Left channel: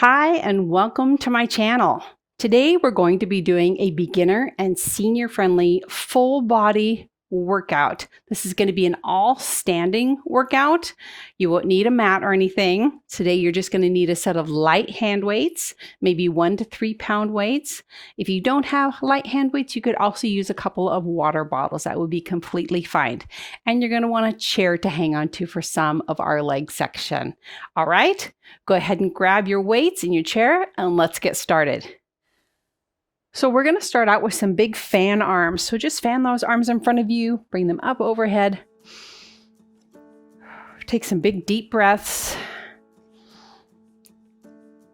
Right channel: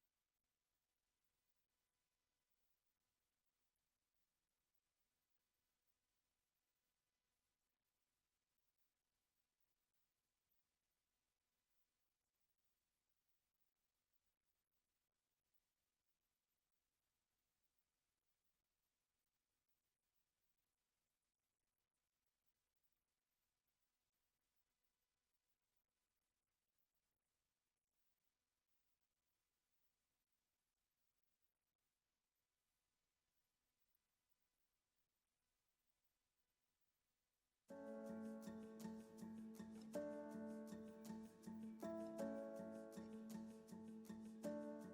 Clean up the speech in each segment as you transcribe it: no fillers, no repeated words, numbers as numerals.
Hi, and welcome to my channel. Today, we're going to be doing a beginner and senior friendly full body workout. This is going to be an all standing workout. You won't need a mat or anything. Today, you're just going to need a set of light hand weights, maybe 1 to 3 pound weights. If you don't have light hand weights, you could also use a couple of water bottles. That would be completely fine. And you're going to want a chair to hang on to for some of our leg section. All right. Go ahead and grab your weights in your chair and let's get started. So we're going to start out with some big fan arms. So just fan those arms in front of you, bring them up overhead. Take some big deep breaths.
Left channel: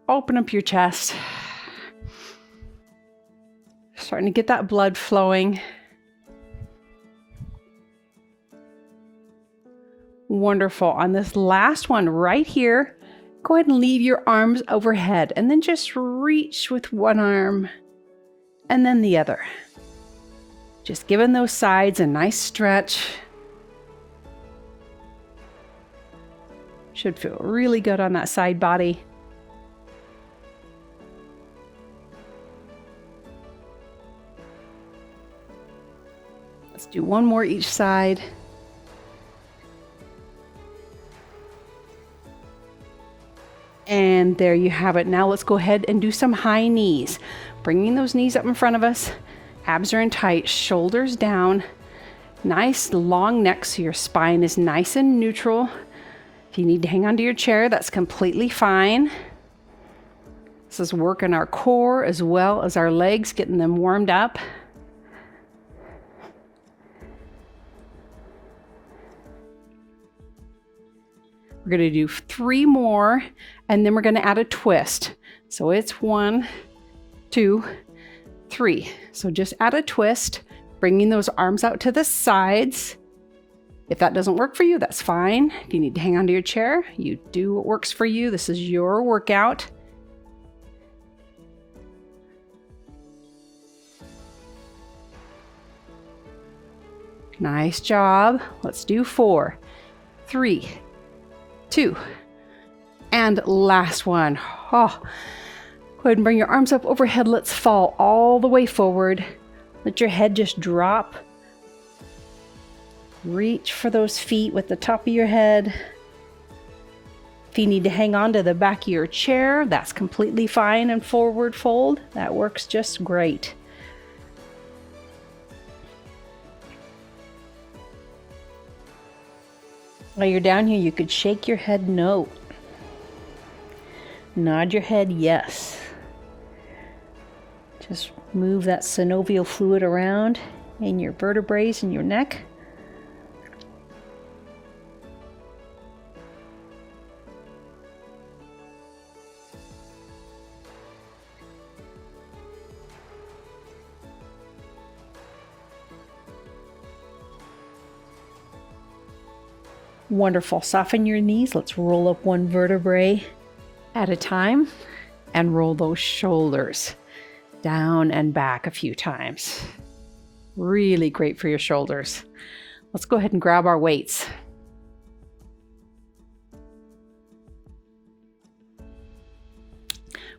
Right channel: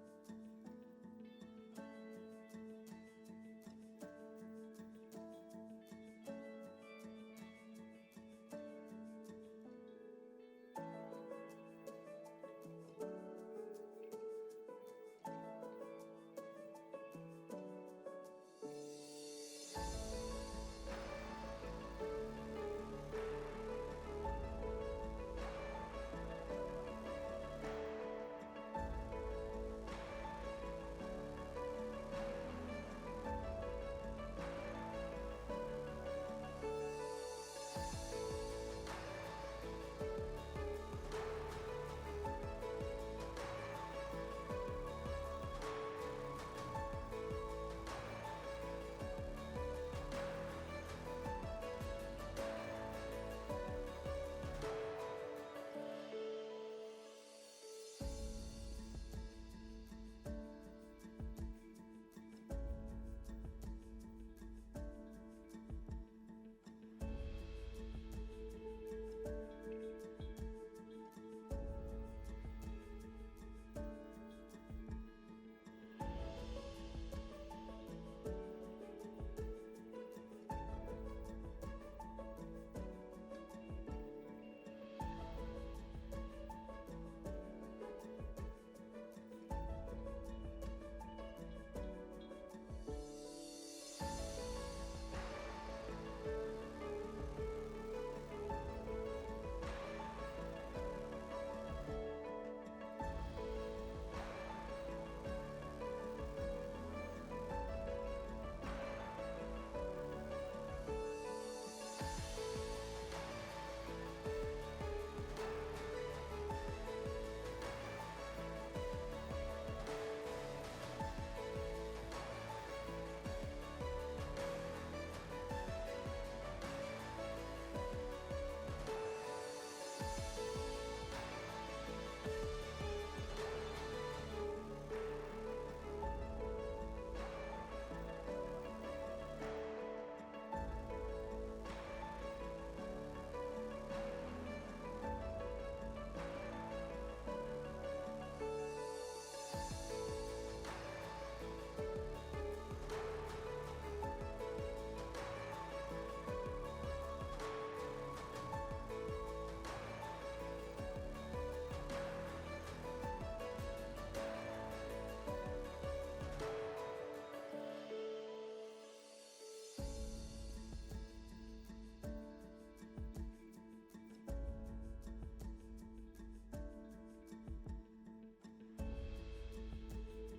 Open up your chest. Starting to get that blood flowing. Wonderful. On this last one right here, go ahead and leave your arms overhead and then just reach with one arm and then the other. Just giving those sides a nice stretch. Should feel really good on that side body. Let's do one more each side. And there you have it. Now let's go ahead and do some high knees. Bringing those knees up in front of us. Abs are in tight, shoulders down. Nice long neck so your spine is nice and neutral. If you need to hang onto your chair, that's completely fine. This is working our core as well as our legs, getting them warmed up. We're going to do 3 more, and then we're going to add a twist. So it's 1, 2, 3. So just add a twist, bringing those arms out to the sides. If that doesn't work for you, that's fine. If you need to hang onto your chair, you do what works for you. This is your workout. Nice job. Let's do 4, 3, 2, and last one. Go ahead and bring your arms up overhead. Let's fall all the way forward. Let your head just drop. Reach for those feet with the top of your head. If you need to hang on to the back of your chair, that's completely fine, and forward fold. That works just great. While you're down here, you could shake your head no. Nod your head yes. Just move that synovial fluid around in your vertebrae in your neck. Wonderful. Soften your knees. Let's roll up one vertebrae at a time and roll those shoulders down and back a few times. Really great for your shoulders. Let's go ahead and grab our weights.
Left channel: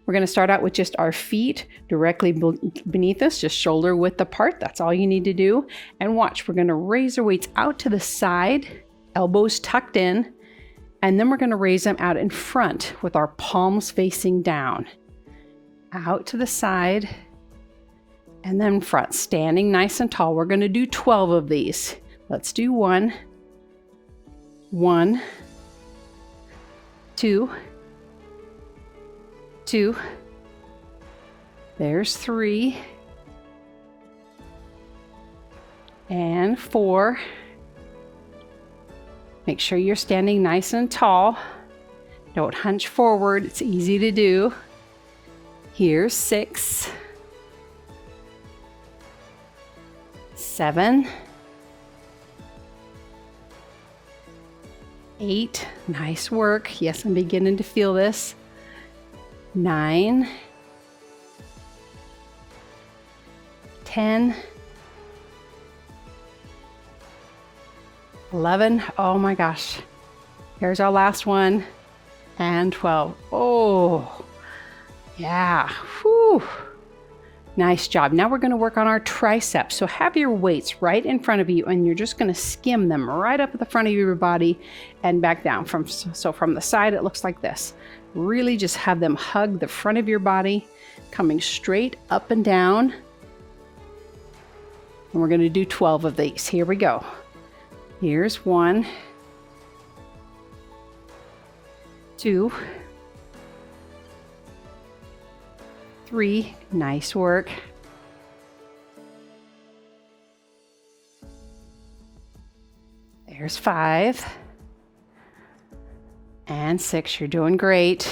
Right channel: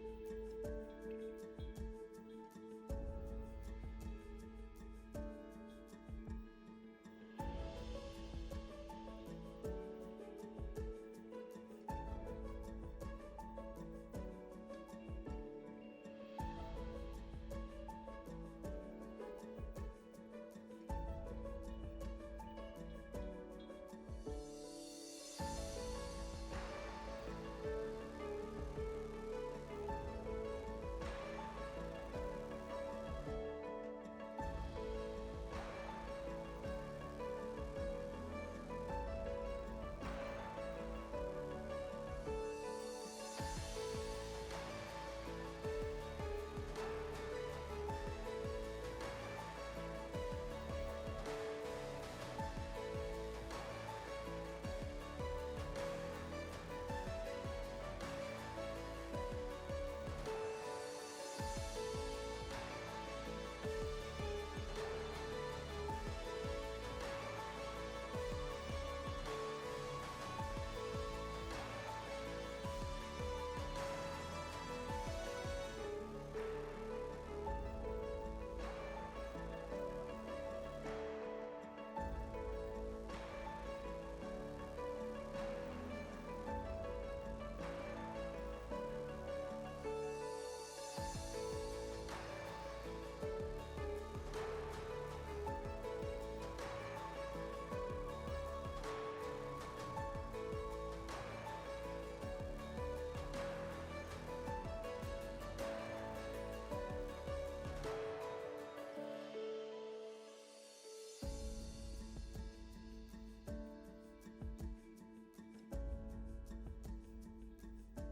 We're going to start out with just our feet directly beneath us, just shoulder width apart. That's all you need to do. And watch, we're going to raise our weights out to the side, elbows tucked in, and then we're going to raise them out in front with our palms facing down. Out to the side, and then front, standing nice and tall. We're going to do 12 of these. Let's do 1, 1, 2, 2, there's 3, and 4. Make sure you're standing nice and tall. Don't hunch forward, it's easy to do. Here's 6, 7, 8, nice work. Yes, I'm beginning to feel this. 9, 10, 11, oh my gosh. Here's our last one. And 12. Oh, Yeah. Whew. Nice job. Now we're going to work on our triceps. So have your weights right in front of you and you're just going to skim them right up at the front of your body and back down. So from the side, it looks like this. Really just have them hug the front of your body, coming straight up and down. And we're going to do 12 of these. Here we go. Here's 1, 2, 3, nice work. There's 5. And 6, you're doing great.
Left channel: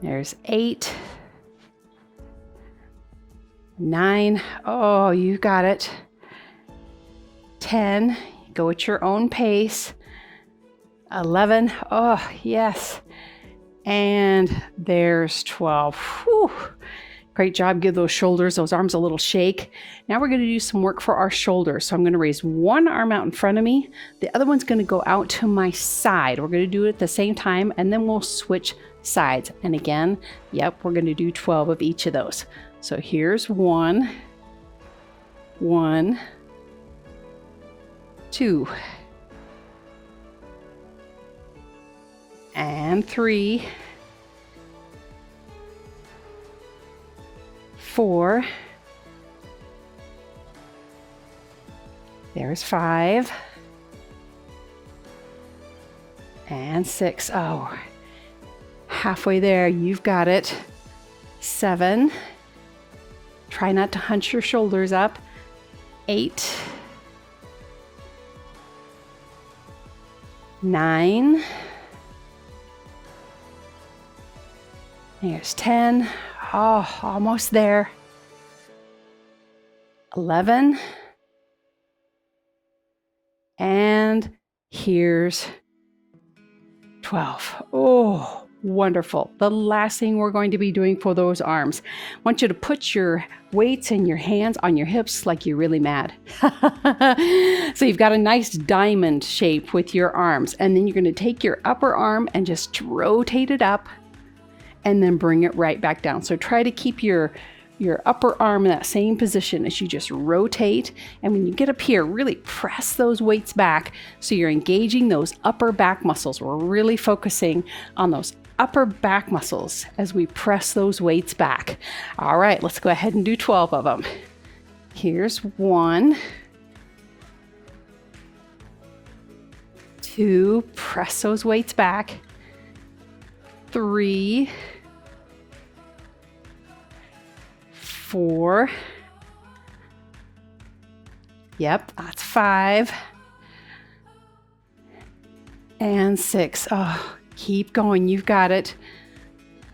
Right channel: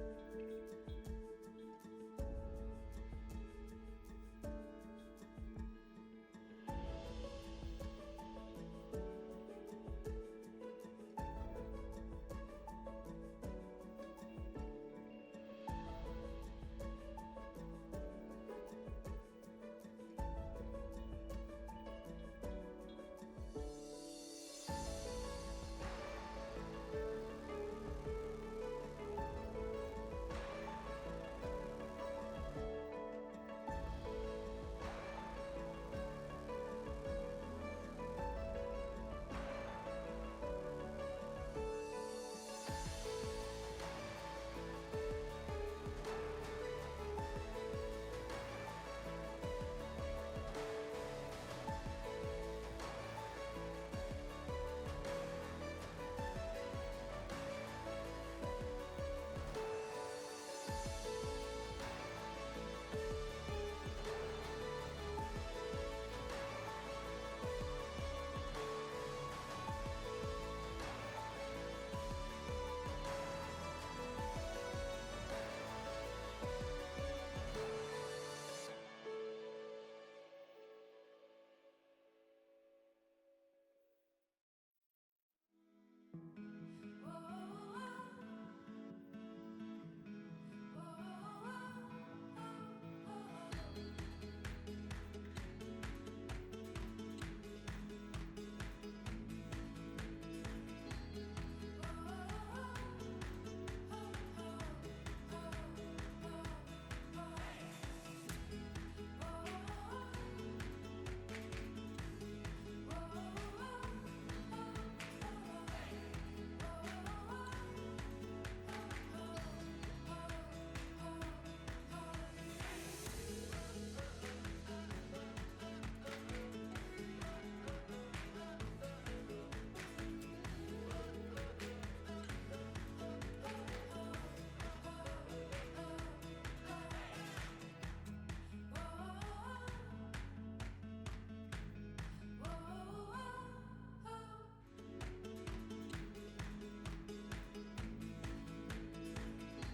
There's 8. 9, oh, you got it. 10, go at your own pace. 11, oh, yes. And there's 12. Whew. Great job. Give those shoulders, those arms a little shake. Now we're going to do some work for our shoulders. So I'm going to raise one arm out in front of me. The other one's going to go out to my side. We're going to do it at the same time, and then we'll switch sides. And again, yep, we're going to do 12 of each of those. So here's 1, 1, 2, and 3, 4, there's 5, and 6. Oh, halfway there, you've got it. 7, try not to hunch your shoulders up. 8, 9, there's 10. Oh, almost there. 11. And here's 12. Oh, wonderful. The last thing we're going to be doing for those arms, I want you to put your weights and your hands on your hips like you're really mad. So you've got a nice diamond shape with your arms, and then you're going to take your upper arm and just rotate it up and then bring it right back down. So try to keep your upper arm in that same position as you just rotate. And when you get up here, really press those weights back so you're engaging those upper back muscles. We're really focusing on those upper back muscles as we press those weights back. All right, let's go ahead and do 12 of them. Here's 1, 2, press those weights back. 3, 4, yep, that's 5, and 6. Oh, keep going, you've got it.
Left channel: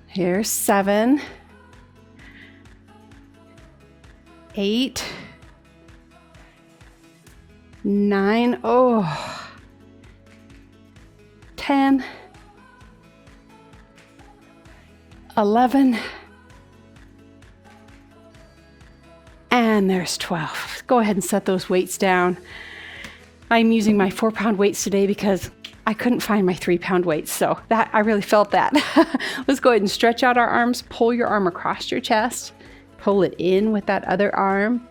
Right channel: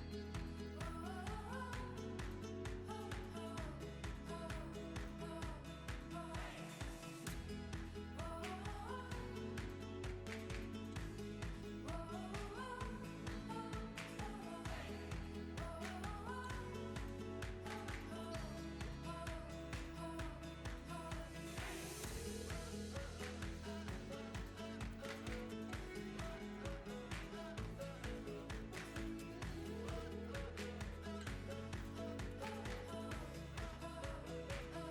Here's 7, 8, 9, oh, 10, 11, and there's 12. Go ahead and set those weights down. I'm using my 4-pound weights today because I couldn't find my 3-pound weights, so that I really felt that. Let's go ahead and stretch out our arms. Pull your arm across your chest. Pull it in with that other arm.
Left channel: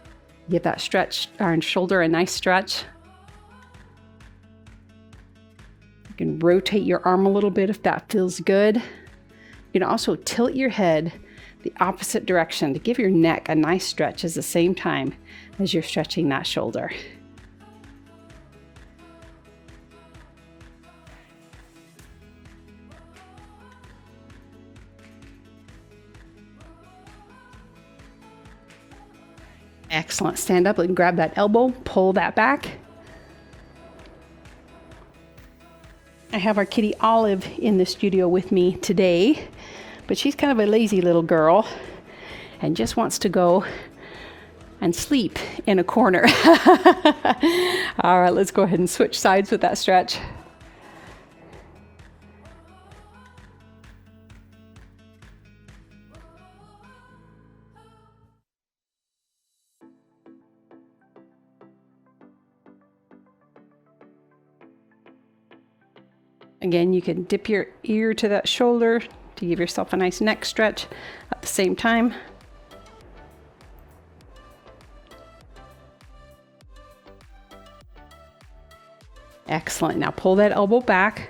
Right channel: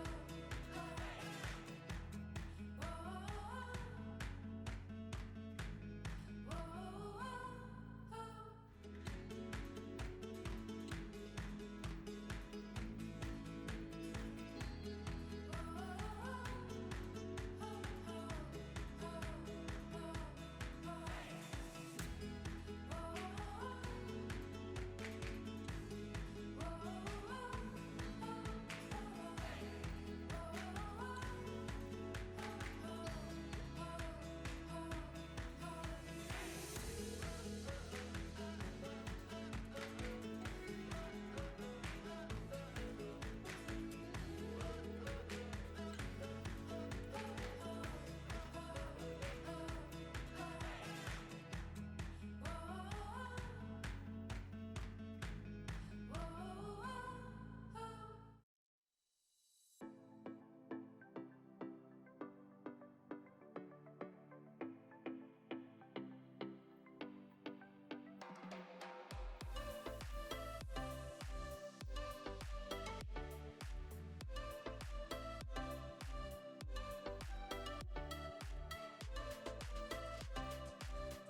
Give that stretch, our shoulder a nice stretch. You can rotate your arm a little bit if that feels good. You can also tilt your head the opposite direction to give your neck a nice stretch at the same time as you're stretching that shoulder. Excellent. Stand up and grab that elbow, pull that back. I have our kitty Olive in the studio with me today, but she's kind of a lazy little girl and just wants to go and sleep in a corner. All right, let's go ahead and switch sides with that stretch. Again, you can dip your ear to that shoulder to give yourself a nice neck stretch at the same time. Excellent. Now pull that elbow back.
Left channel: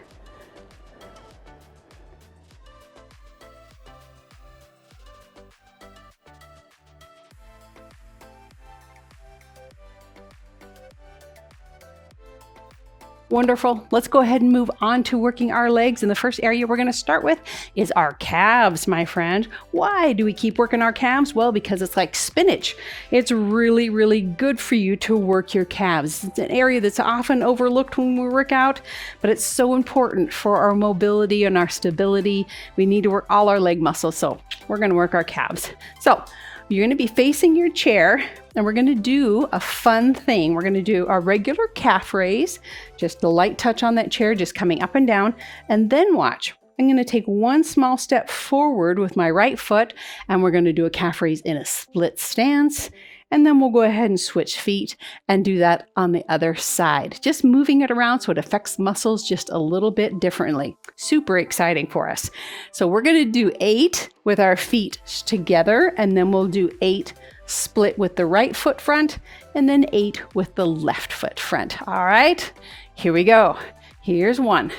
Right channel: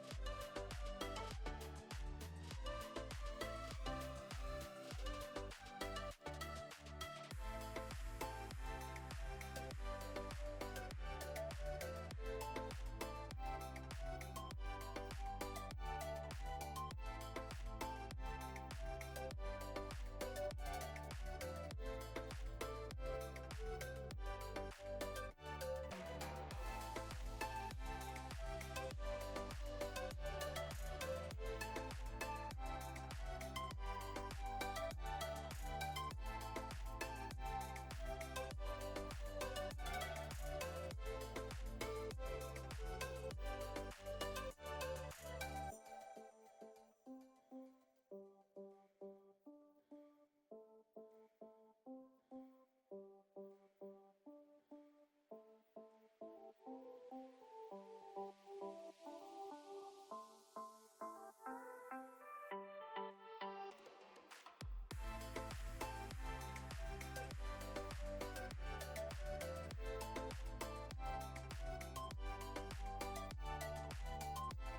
Wonderful. Let's go ahead and move on to working our legs. And the first area we're going to start with is our calves, my friend. Why do we keep working our calves? Well, because it's like spinach. It's really, really good for you to work your calves. It's an area that's often overlooked when we work out, but it's so important for our mobility and our stability. We need to work all our leg muscles, so we're going to work our calves. So you're going to be facing your chair, and we're going to do a fun thing. We're going to do a regular calf raise, just a light touch on that chair, just coming up and down. And then watch, I'm going to take one small step forward with my right foot, and we're going to do a calf raise in a split stance. And then we'll go ahead and switch feet and do that on the other side. Just moving it around so it affects muscles just a little bit differently. Super exciting for us. So we're going to do 8 with our feet together, and then we'll do 8 split with the right foot front, and then 8 with the left foot front. All right, here we go. Here's 1,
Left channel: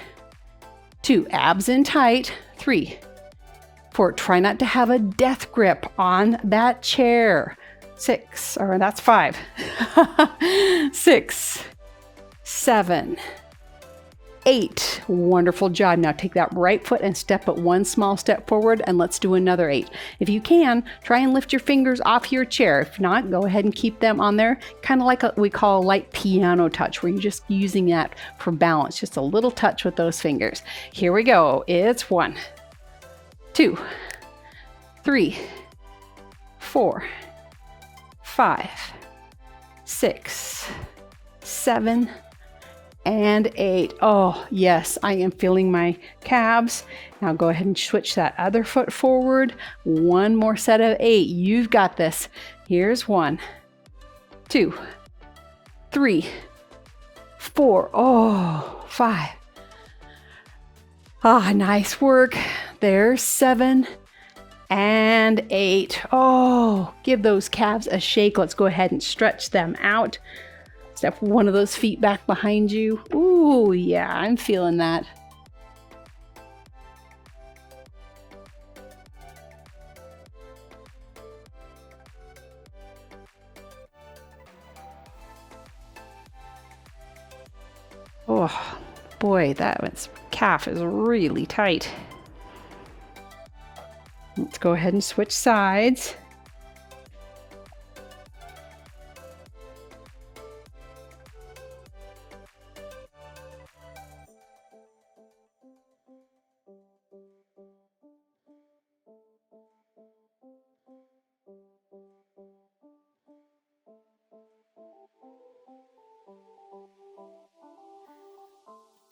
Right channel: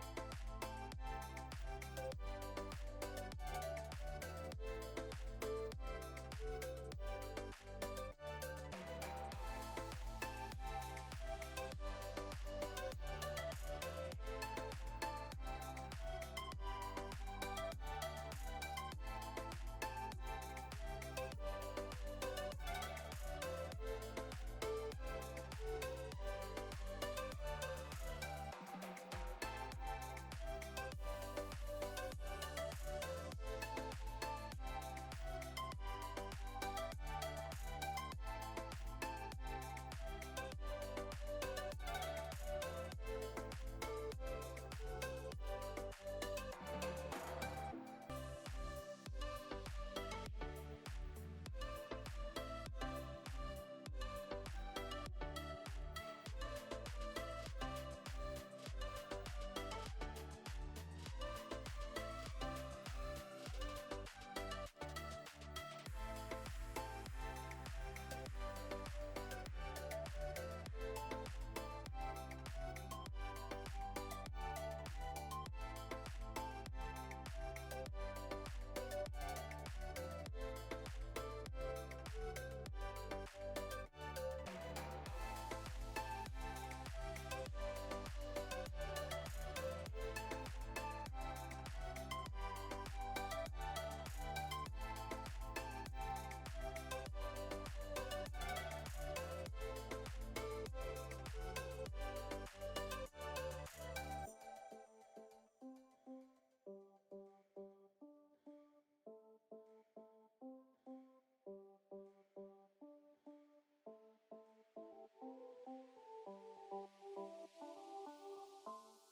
2, abs in tight, 3, 4, try not to have a death grip on that chair. 6, or that's 5, 6, 7, 8. Wonderful job. Now take that right foot and step it one small step forward, and let's do another 8. If you can, try and lift your fingers off your chair. If not, go ahead and keep them on there, kind of like what we call a light piano touch, where you're just using that for balance, just a little touch with those fingers. Here we go. It's 1, 2, 3, 4, 5, 6, 7, and 8. Oh, yes, I am feeling my calves. Now go ahead and switch that other foot forward. One more set of 8. You've got this. Here's 1, 2, 3, 4. Oh, 5. Ah, nice work. There's 7. And 8. Oh, give those calves a shake. Let's go ahead and stretch them out. Step one of those feet back behind you. Ooh, yeah, I'm feeling that. Oh, boy, that calf is really tight. Let's go ahead and switch sides.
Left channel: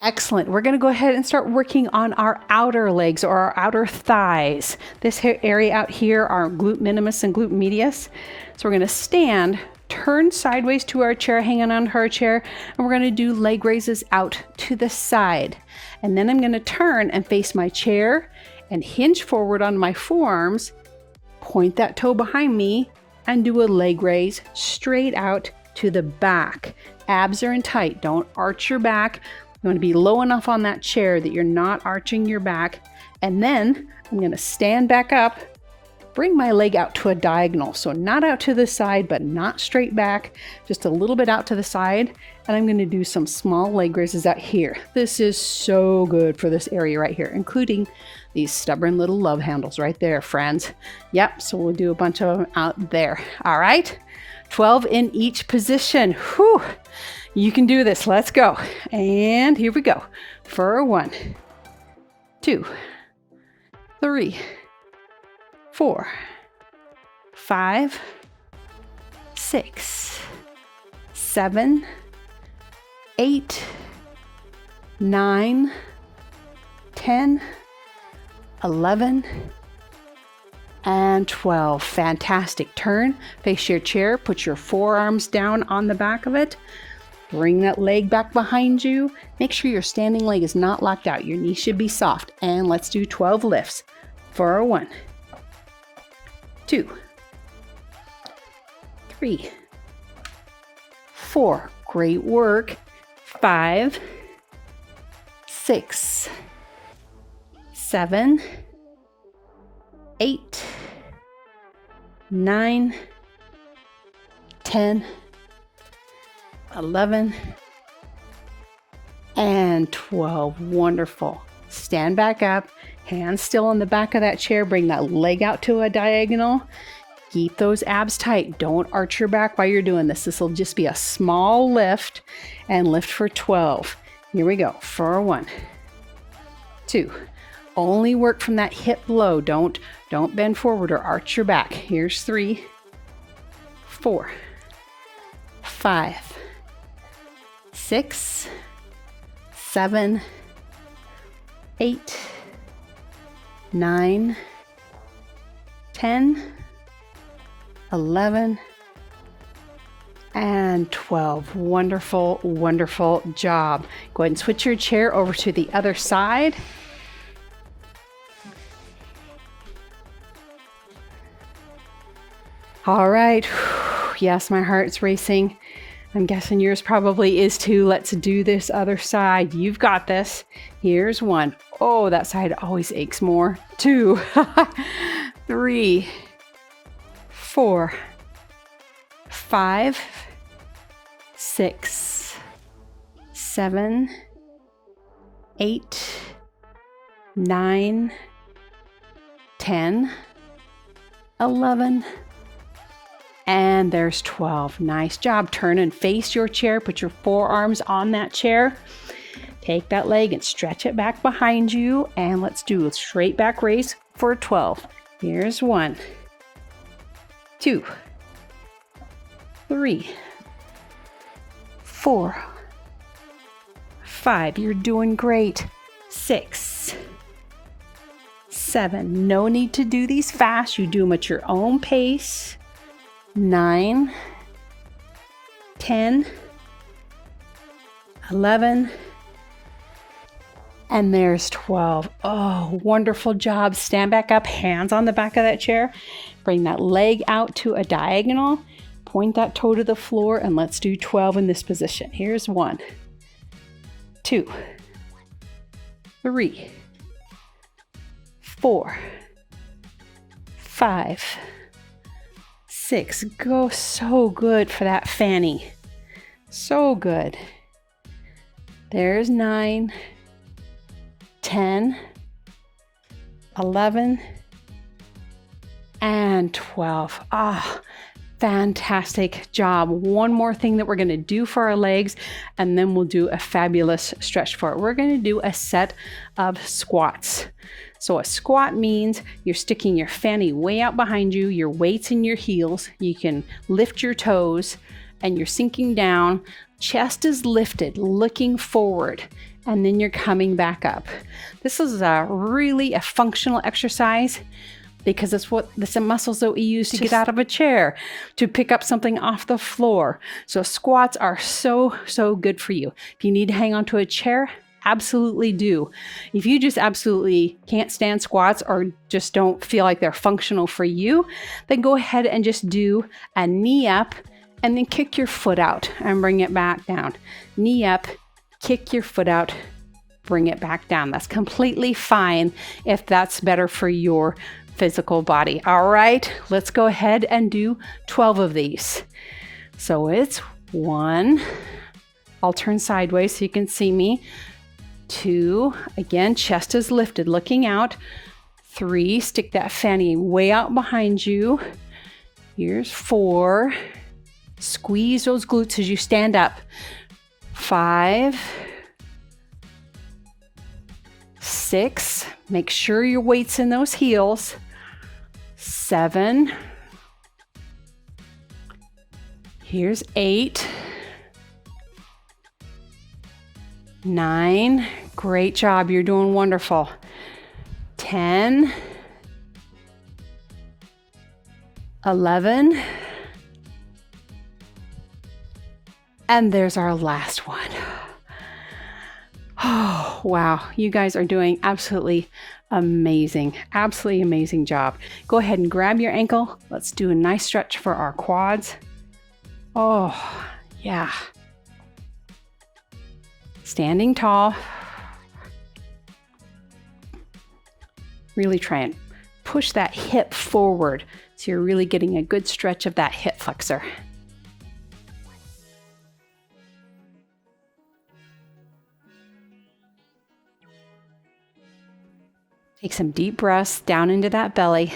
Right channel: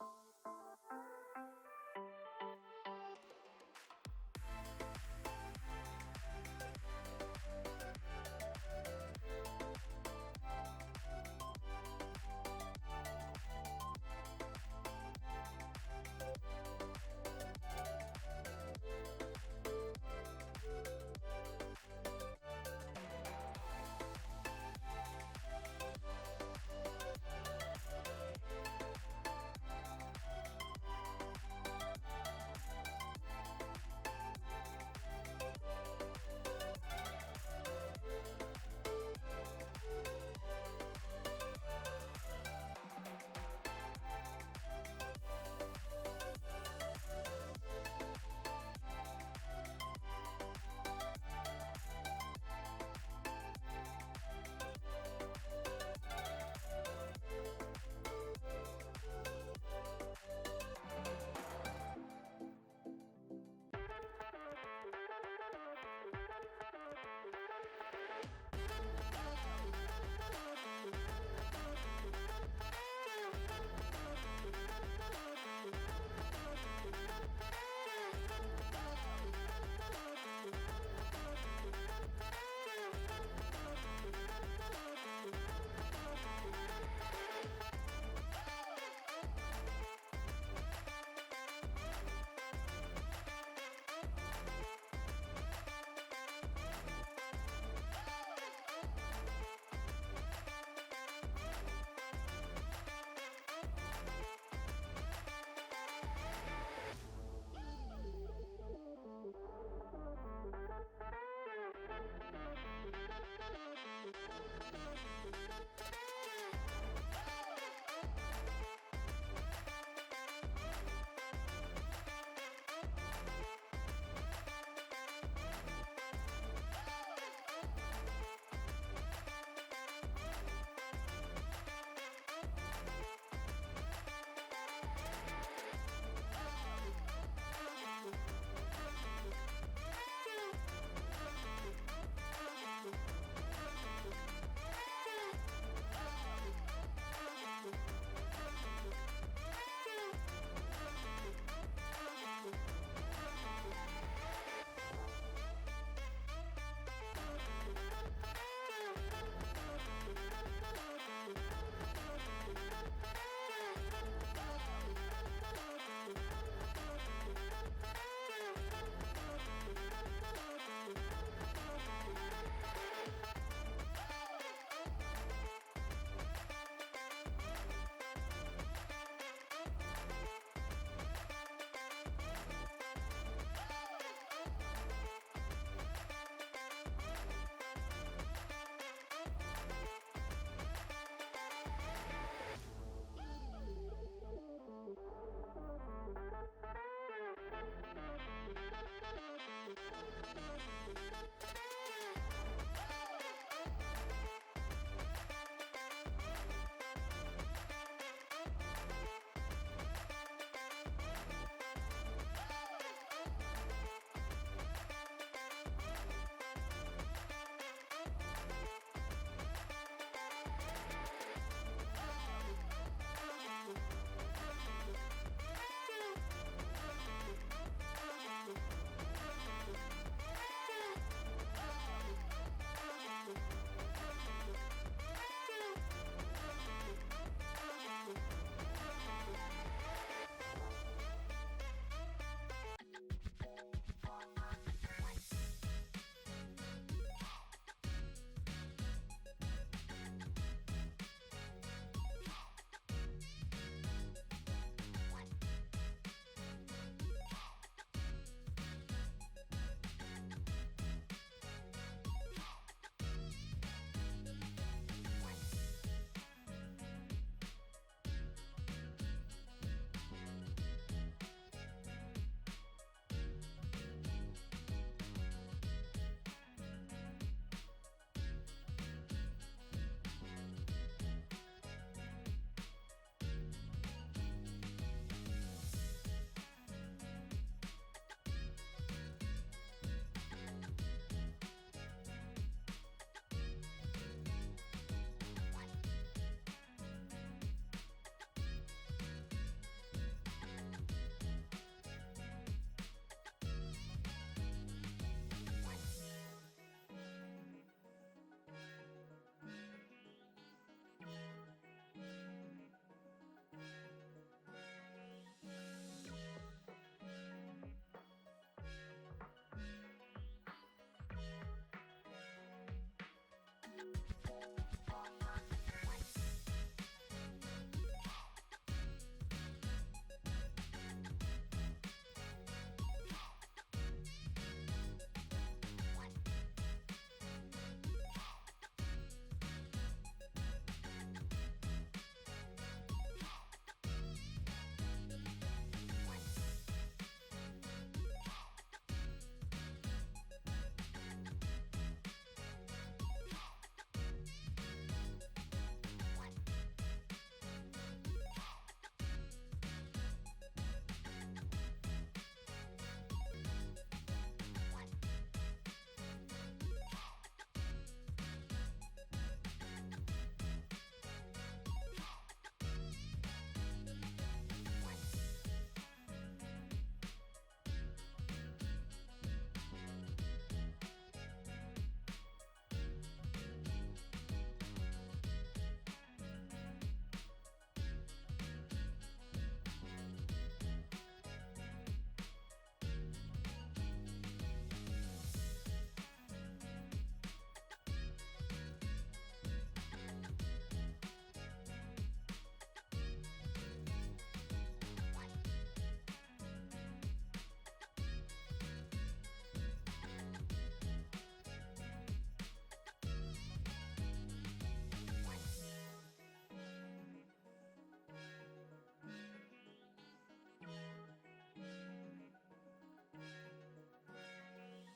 Excellent. We're going to go ahead and start working on our outer legs, or our outer thighs. This area out here are glute minimus and glute medius. So we're going to stand, turn sideways to our chair, hanging on her chair, and we're going to do leg raises out to the side. And then I'm going to turn and face my chair and hinge forward on my forearms, point that toe behind me, and do a leg raise straight out to the back. Abs are in tight. Don't arch your back. You want to be low enough on that chair that you're not arching your back. And then I'm going to stand back up, bring my leg out to a diagonal. So not out to the side, but not straight back, just a little bit out to the side. And I'm going to do some small leg raises out here. This is so good for this area right here, including these stubborn little love handles right there, friends. Yep, so we'll do a bunch of them out there. All right, 12 in each position. Whew. You can do this. Let's go. And here we go. For 1, 2, 3, 4, 5, 6, 7, 8, 9, 10, 11, and 12. Fantastic. Turn, face your chair, put your forearms down on the back of it. Bring that leg back behind you. Make sure your standing leg is not locked out. Your knee should be soft. And let's do 12 lifts for our 1, 2, 3, 4. Great work. 5, 6, 7, 8, 9, 10, 11, and 12. Wonderful. Stand back up, hands still on the back of that chair. Bring that leg out to a diagonal. Keep those abs tight. Don't arch your back while you're doing this. This will just be a small lift, and lift for 12. Here we go. For 1, 2. Only work from that hip low. Don't bend forward or arch your back. Here's 3, 4, 5, 6, 7, 8, 9, 10, 11, and 12. Wonderful, wonderful job. Go ahead and switch your chair over to the other side. All right. Yes, my heart's racing. I'm guessing yours probably is too. Let's do this other side. You've got this. Here's 1. Oh, that side always aches more. 2, 3, 4, 5, 6, 7, 8, 9, 10, 11, and there's 12. Nice job. Turn and face your chair. Put your forearms on that chair. Take that leg and stretch it back behind you. And let's do a straight back raise for 12. Here's 1, 2, 3, 4, 5. You're doing great. 6, 7. No need to do these fast. You do them at your own pace. 9, 10, 11, and there's 12. Oh, wonderful job. Stand back up, hands on the back of that chair. Bring that leg out to a diagonal. Point that toe to the floor, and let's do 12 in this position. Here's 1, 2, 3, 4, 5, 6. Go. So good for that fanny. So good. There's 9, 10, 11, and 12. Ah, fantastic job. One more thing that we're going to do for our legs, and then we'll do a fabulous stretch for it. We're going to do a set of squats. So a squat means you're sticking your fanny way out behind you, your weight's in your heels, you can lift your toes, and you're sinking down. Chest is lifted, looking forward, and then you're coming back up. This is really a functional exercise because it's what the muscles that we use to get out of a chair, to pick up something off the floor. So squats are so good for you. If you need to hang onto a chair, absolutely do. If you just absolutely can't stand squats or just don't feel like they're functional for you, then go ahead and just do a knee up and then kick your foot out and bring it back down. Knee up, kick your foot out, bring it back down. That's completely fine if that's better for your physical body. All right, let's go ahead and do 12 of these. So it's 1, I'll turn sideways so you can see me. 2, again, chest is lifted, looking out. 3, stick that fanny way out behind you. Here's 4, squeeze those glutes as you stand up. 5, 6, make sure your weight's in those heels. 7, here's 8, 9, great job, you're doing wonderful. 10, 11, And there's our last one. Oh, wow. You guys are doing absolutely amazing. Absolutely amazing job. Go ahead and grab your ankle. Let's do a nice stretch for our quads. Oh, yeah. Standing tall. Really try and push that hip forward so you're really getting a good stretch of that hip flexor. Take some deep breaths down into that belly.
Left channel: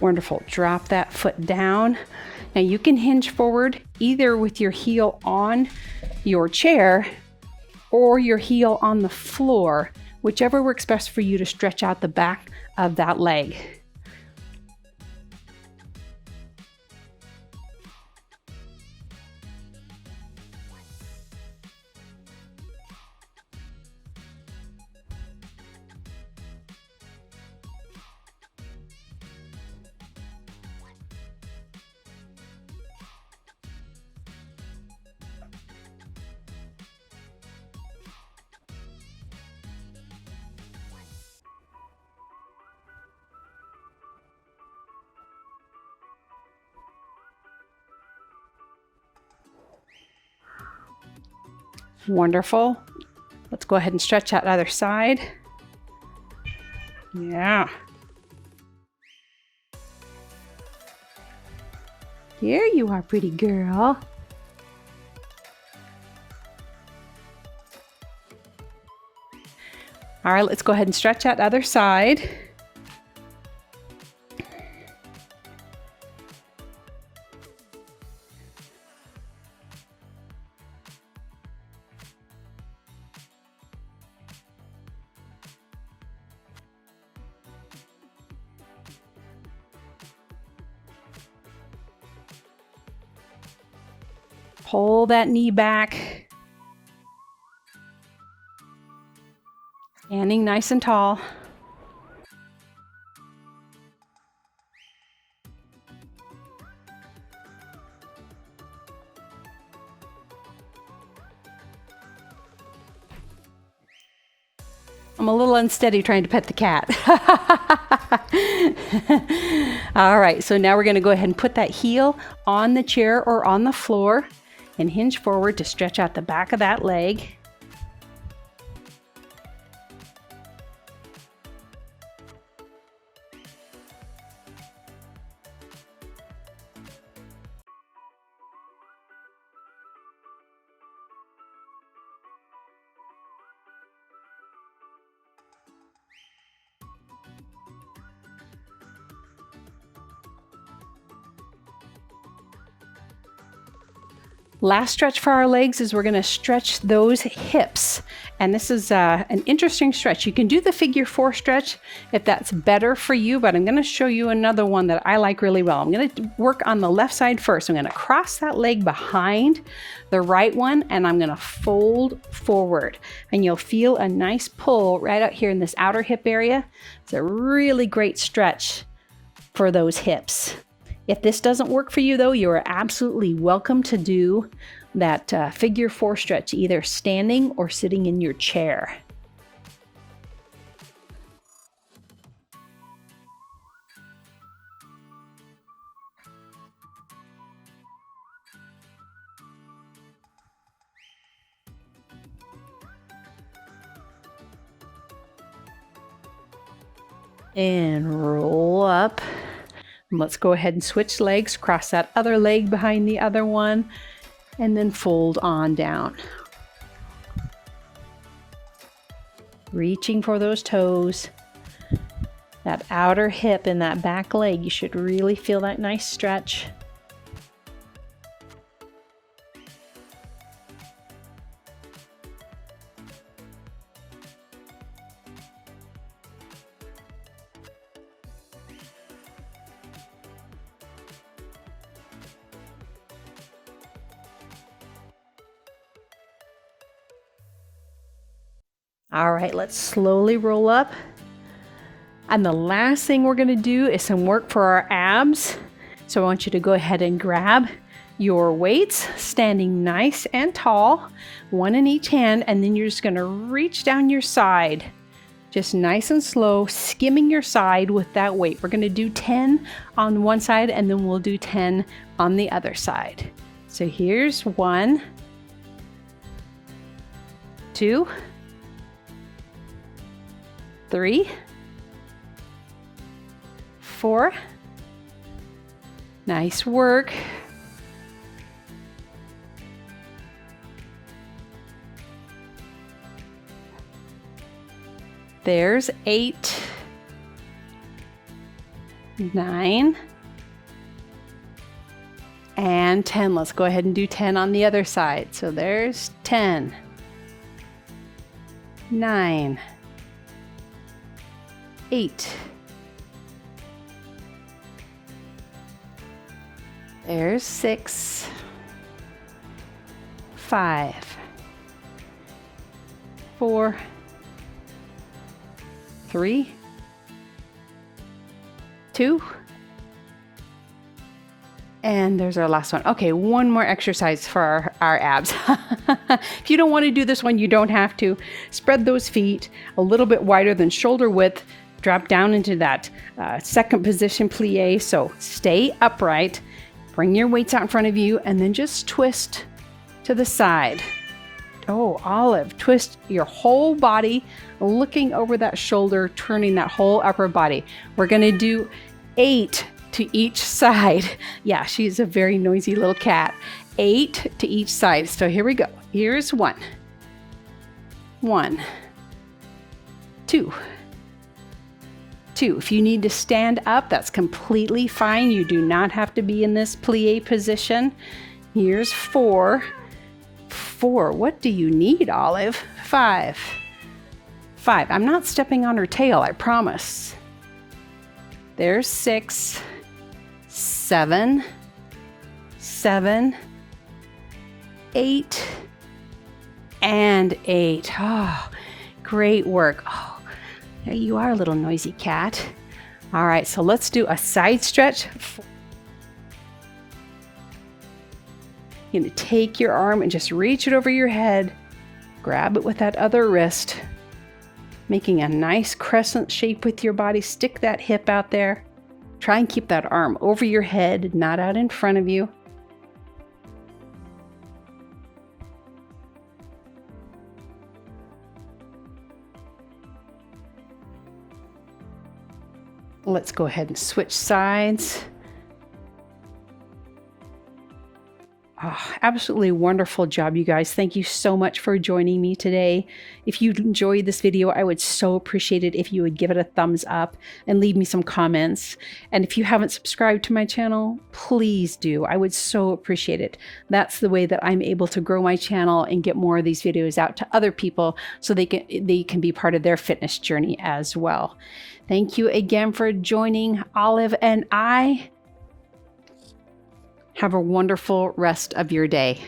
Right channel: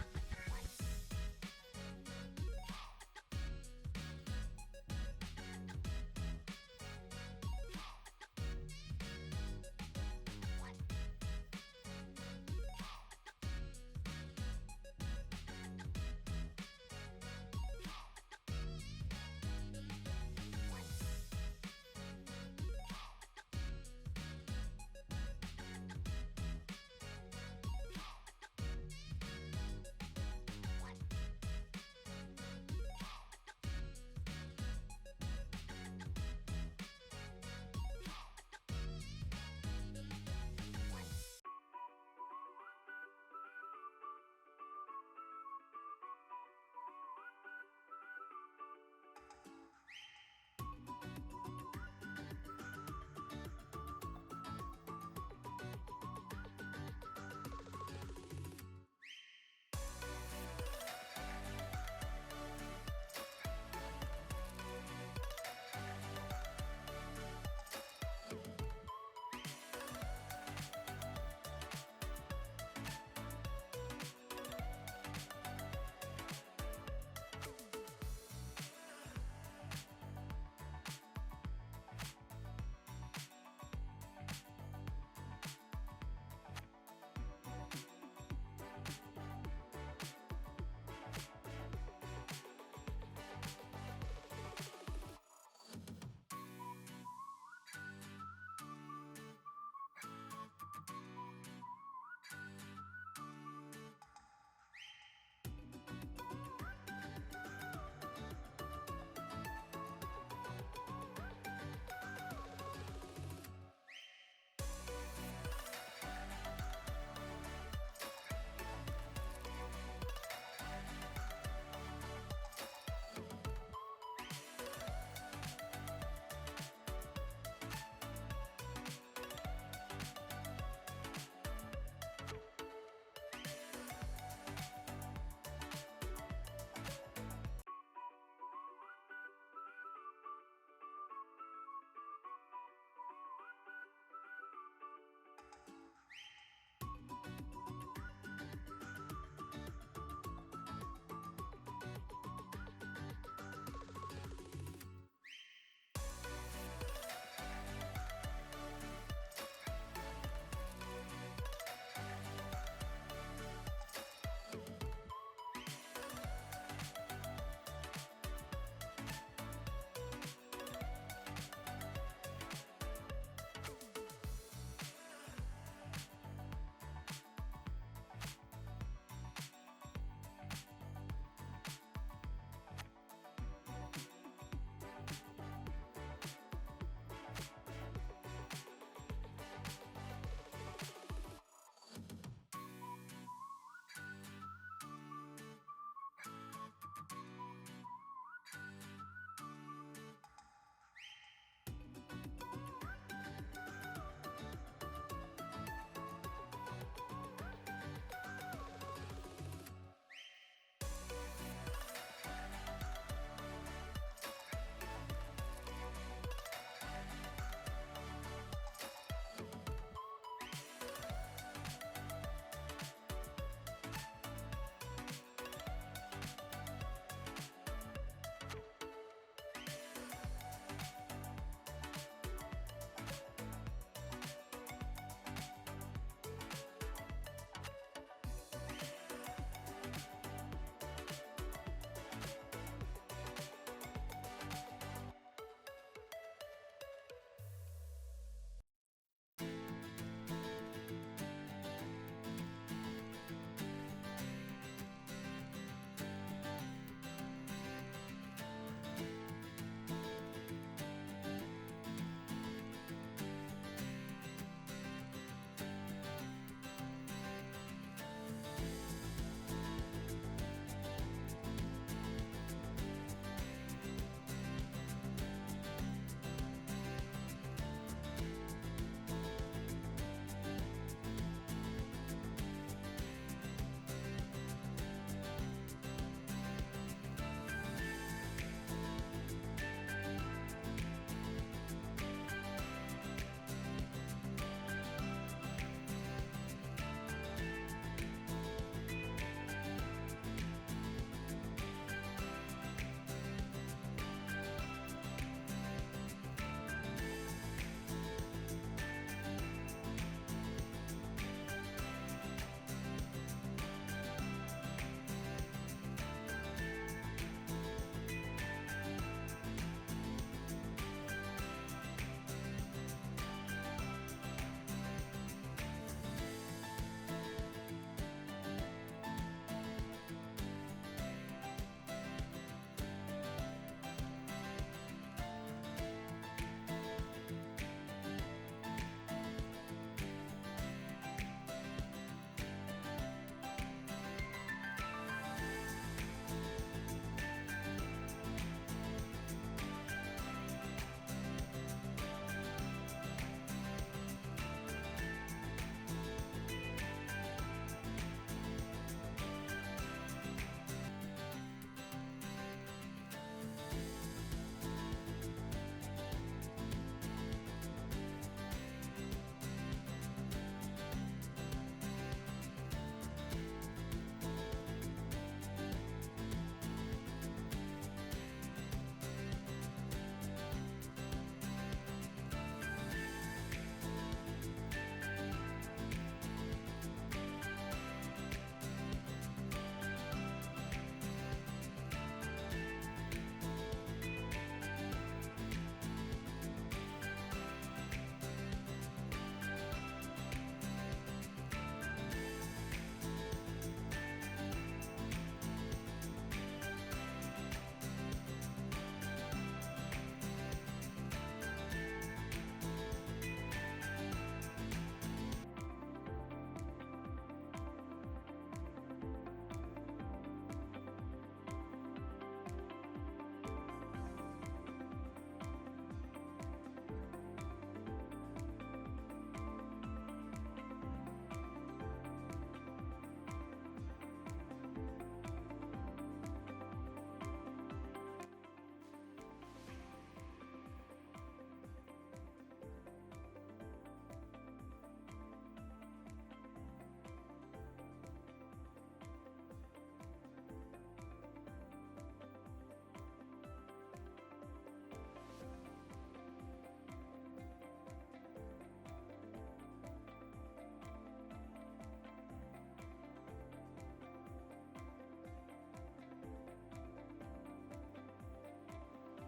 Wonderful. Drop that foot down. Now you can hinge forward either with your heel on your chair or your heel on the floor, whichever works best for you to stretch out the back of that leg. Wonderful. Let's go ahead and stretch that other side. Yeah. Here you are, pretty girl. All right, let's go ahead and stretch that other side. Pull that knee back. Standing nice and tall. I'm a little unsteady trying to pet the cat. All right, so now we're going to go ahead and put that heel on the chair or on the floor and hinge forward to stretch out the back of that leg. Last stretch for our legs is we're going to stretch those hips. And this is an interesting stretch. You can do the figure 4 stretch if that's better for you, but I'm going to show you another one that I like really well. I'm going to work on the left side first. I'm going to cross that leg behind the right one, and I'm going to fold forward. And you'll feel a nice pull right out here in this outer hip area. It's a really great stretch for those hips. If this doesn't work for you though, you are absolutely welcome to do that figure 4 stretch, either standing or sitting in your chair. And roll up. Let's go ahead and switch legs, cross that other leg behind the other one, and then fold on down. Reaching for those toes. That outer hip and that back leg, you should really feel that nice stretch. All right, let's slowly roll up And the last thing we're gonna do is some work for our abs. So I want you to go ahead and grab your weights, standing nice and tall, one in each hand, and then you're just gonna reach down your side. Just nice and slow, skimming your side with that weight. We're gonna do 10 on one side and then we'll do 10 on the other side. So here's 1, 2, 3, 4. Nice work. There's 8, 9, and 10. Let's go ahead and do 10 on the other side. So there's 10, 9, 8. There's 6, 5, 4, 3, 2, and there's our last one. Okay, one more exercise for our abs. If you don't want to do this one, you don't have to. Spread those feet a little bit wider than shoulder width. Drop down into that second position plie. So stay upright. Bring your weights out in front of you and then just twist to the side. Oh, Olive, twist your whole body, looking over that shoulder, turning that whole upper body. We're gonna do 8 to each side. Yeah, she's a very noisy little cat. 8 to each side. So here we go. Here's 1, 1, 2, 2. If you need to stand up, that's completely fine. You do not have to be in this plie position. Here's 4, 4. What do you need, Olive? 5, 5. I'm not stepping on her tail, I promise. There's 6, 7, 7, 8, and 8. Oh, great work. Oh, there you are, little noisy cat. All right, so let's do a side stretch. You're gonna take your arm and just reach it over your head. Grab it with that other wrist, making a nice crescent shape with your body. Stick that hip out there. Try and keep that arm over your head, not out in front of you. Let's go ahead and switch sides. Oh, absolutely wonderful job, you guys. Thank you so much for joining me today. If you enjoyed this video, I would so appreciate it if you would give it a thumbs up and leave me some comments. And if you haven't subscribed to my channel, please do. I would so appreciate it. That's the way that I'm able to grow my channel and get more of these videos out to other people so they can be part of their fitness journey as well. Thank you again for joining Olive and I. Have a wonderful rest of your day.